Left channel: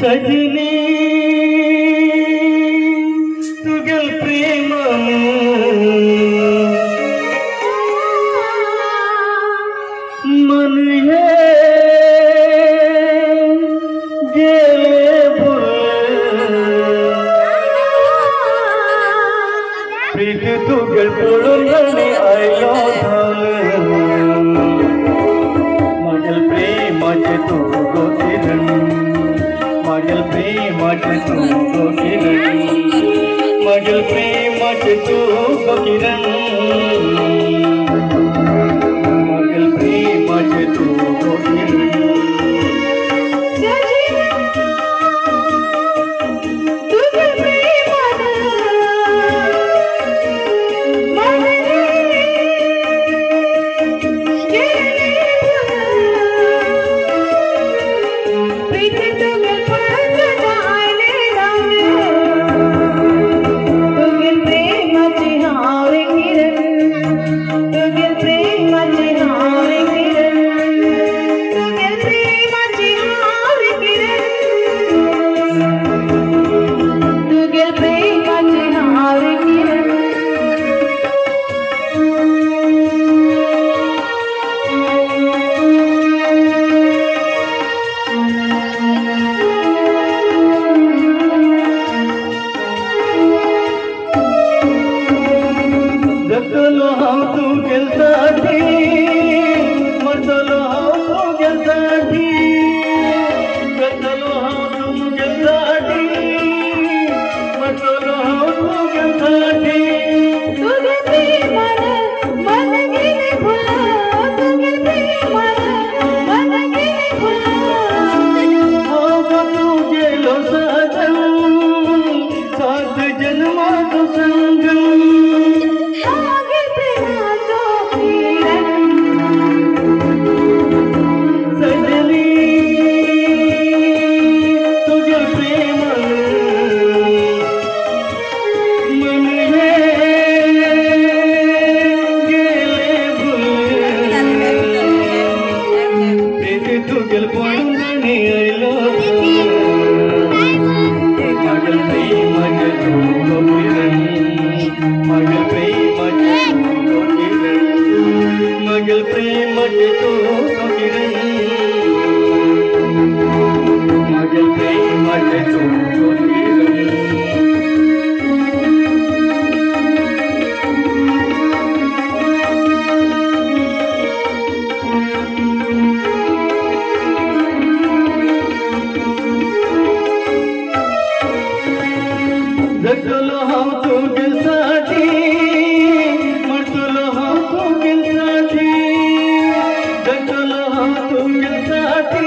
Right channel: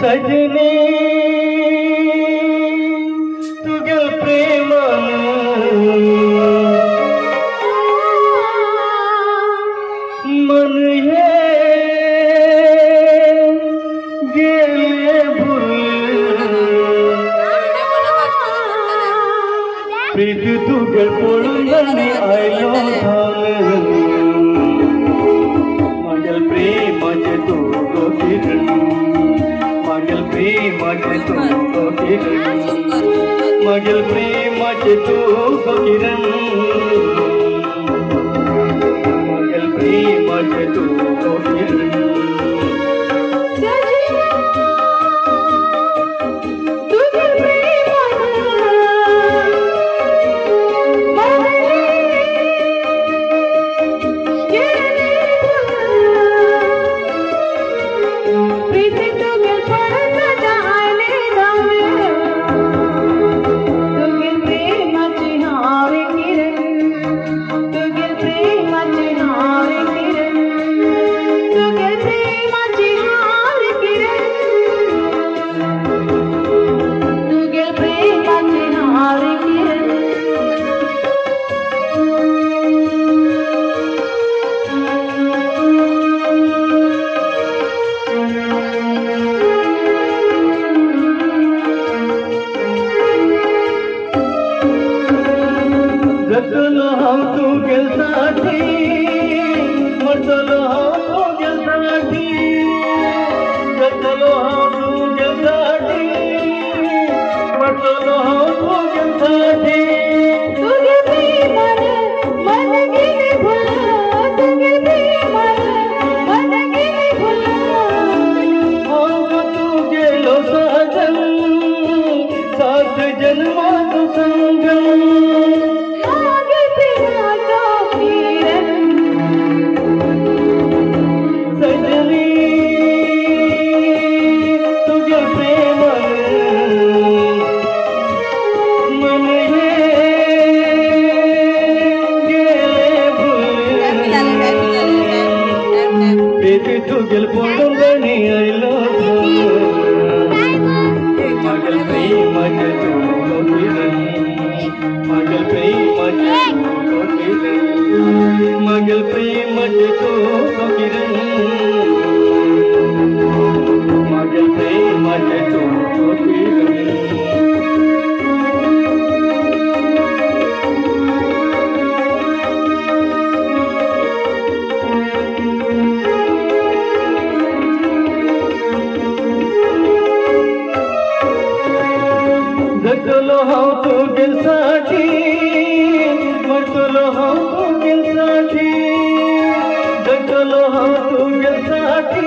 सजनी तुगेल प्रेम मन हे गेले प्रीत तुगेल पळून आयलो माझ्या प्रेमाचे तू किरण माझ्या प्रेमाचे तू किरण माझ्या प्रेमाचे तू किरण माझ्या प्रेमाचे तू किरण जगलो हम तुझ्यासाठी मरलो हम तुझ्यासाठी जगलो हम तुझ्यासाठी मरलो हम तुझ्यासाठी तुझे प्रेमाने मन गेले भुला तुझे प्रेमाने मन गेले भुला तू गेलो सजन सात जन्मात संग तुगेल पळून आयलो माझ्या प्रेमाचे तू किरण माझ्या प्रेमाचे तू किरण माझ्या प्रेमाचे तू किरण माझ्या प्रेमाचे तू किरण जगलो हम तुझ्यासाठी मरलो हम तुझ्यासाठी जगलो हम तुझ्यासाठी